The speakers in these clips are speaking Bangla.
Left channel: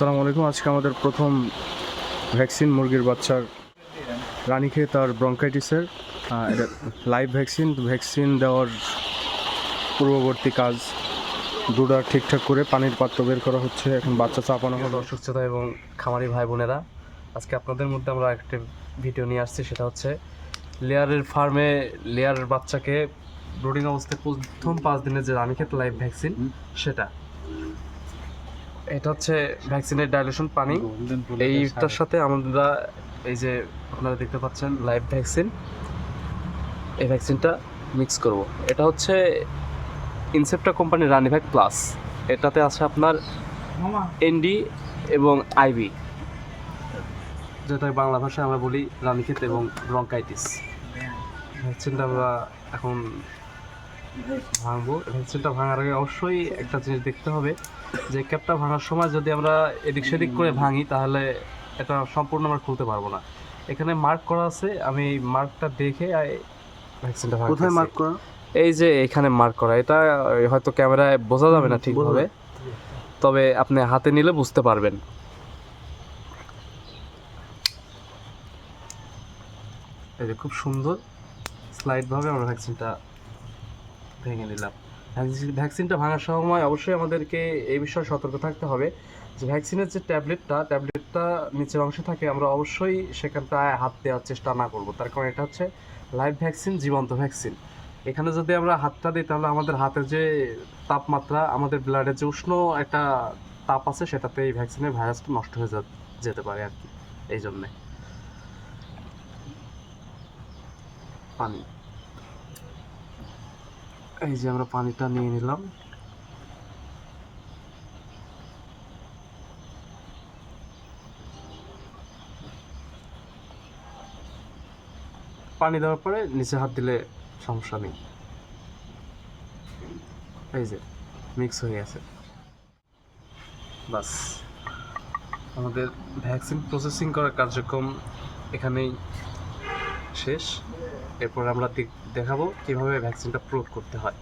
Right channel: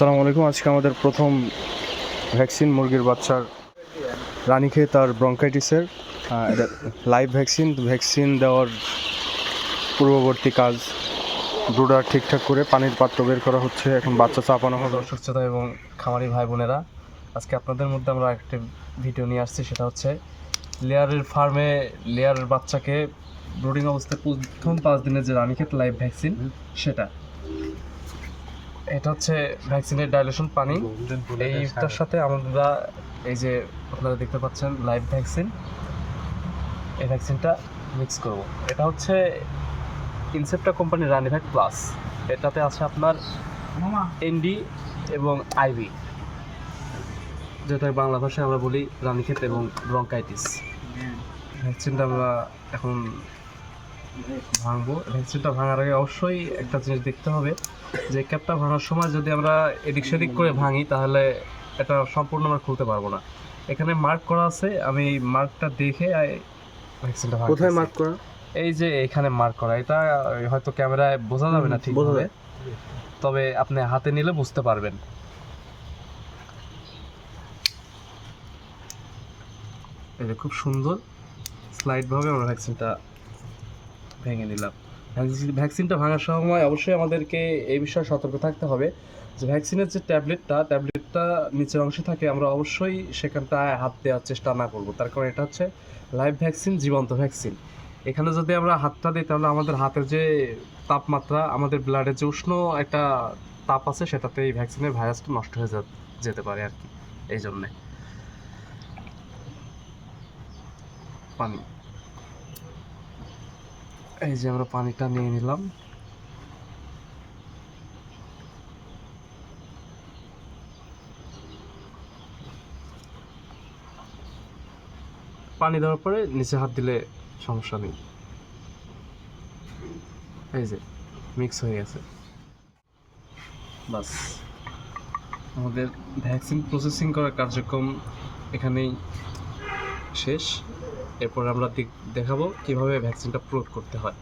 আসসালামু আলাইকুম। আজকে আমাদের প্রথম ভ্যাকসিন মুরগির বাচ্চার রানীক্ষেত আর ব্রঙ্কাইটিসের এটা লাইভ ভ্যাকসিন দেওয়ার পূর্ববর্তী কাজ ব্রুডার ঠিকঠাক করে পানির পাত্র বের করা হচ্ছে। এখন বাচ্চা চাপানো হবে। অসুস্থতা এবং খামারি ভাই বোনেরা, আজকে আপনাদের মধ্যে আমরা একটা ভিডিও নিয়ে আসছি। সেটা হচ্ছে লেয়ারের ফার্মে লেয়ারের বাচ্চাকে ব্রুডিং অবস্থায় প্রথম 5 দিনের যে রানীক্ষেত লাইভ ভ্যাকসিন, সেটা এটা হচ্ছে ভ্যাকসিনের ডাইলুশন পানি। এইটার সাথে আমরা এই যে আপনারা দেখতে পাচ্ছেন লাইভ ভ্যাকসিন, এই ভ্যাকসিনটা মিক্স করব। এটা হচ্ছে ইনসেপ্টা কোম্পানির রানিভ্যাক প্লাস। এটাতে আছে আপনার এনডি এবং আইভি, যেটা বাংলা ভাষায় আমরা বলি রানীক্ষেত এবং ব্রঙ্কাইটিস। ভ্যাকসিনটা আমরা এখন ভাঙবো। ভ্যাকসিনটা ভাঙার আগে অবশ্যই একটা জিনিস দেখতে হবে যে ক্যাপটা ভাঙার সময় যদি আমরা এদিক সেদিক করে ভাঙি তাহলে এটা সম্পূর্ণ আমরা খুলতে পারবো না। এখানে মার্ক করা আছে, আমি মার্কটা দেখে ভ্যাকসিনটা ভাঙছি। কোথায় মার্ক করা? এই যে এখানে মার্ক করা। এটা হয়তো ক্যামেরায় বোঝা যাবে না ঠিকভাবে, তবে আপনি হাতে নিলে বুঝতে পারবেন। এই যে খুব সুন্দর স্লাইডভাবে আমরা ভ্যাকসিনটা ভেঙে নিলাম। ভ্যাকসিনটা ভাঙার সময় অবশ্যই আমাদেরকে এই বিষয়ে সতর্ক থাকতে হবে যে ভ্যাকসিনের যে ট্যাবলেটটা নিচের অংশে থাকে, আমরা অবশ্যই সেখানটায় হাত দেওয়ার চেষ্টা না করব। তার কারণ এটা হচ্ছে লাইভ ভ্যাকসিন, জীবন্ত ভ্যাকসিন। এখানে যদি আমরা হাতটা দিই তাহলে আমাদের হাতের যে তাপমাত্রা, আমাদের ব্লাডের যে উষ্ণ একটা তাপ আছে, সেটাতে এই ভ্যাকসিনের ভাইরাসটা নষ্ট হয়ে যেতে পারে আর কি। এই জন্যে পানি, এই যে আমরা পানিটা নিয়ে নিলাম। পানি দেওয়ার পরে নিচে হাত দিলে সমস্যা নেই। এই যে মিক্স হয়ে গেছে। বাস, আমাদের ভ্যাকসিন প্রসেসিং করার কার্যক্রম এখানেই শেষ। এরপর আমরা দেখাবো কিভাবে ভ্যাকসিনটা প্রয়োগ করতে হয়।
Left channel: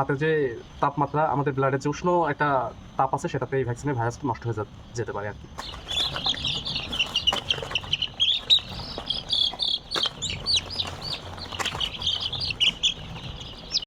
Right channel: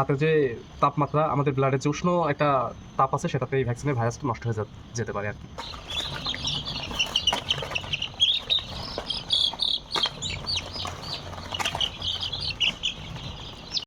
হাতের যে তাপমাত্রা, আমাদের ব্লাডের যে উষ্ণ একটা তাপ আছে, সেটাতে এই ভ্যাকসিনের ভাইরাসটা নষ্ট হয়ে যেতে পারে আর কি।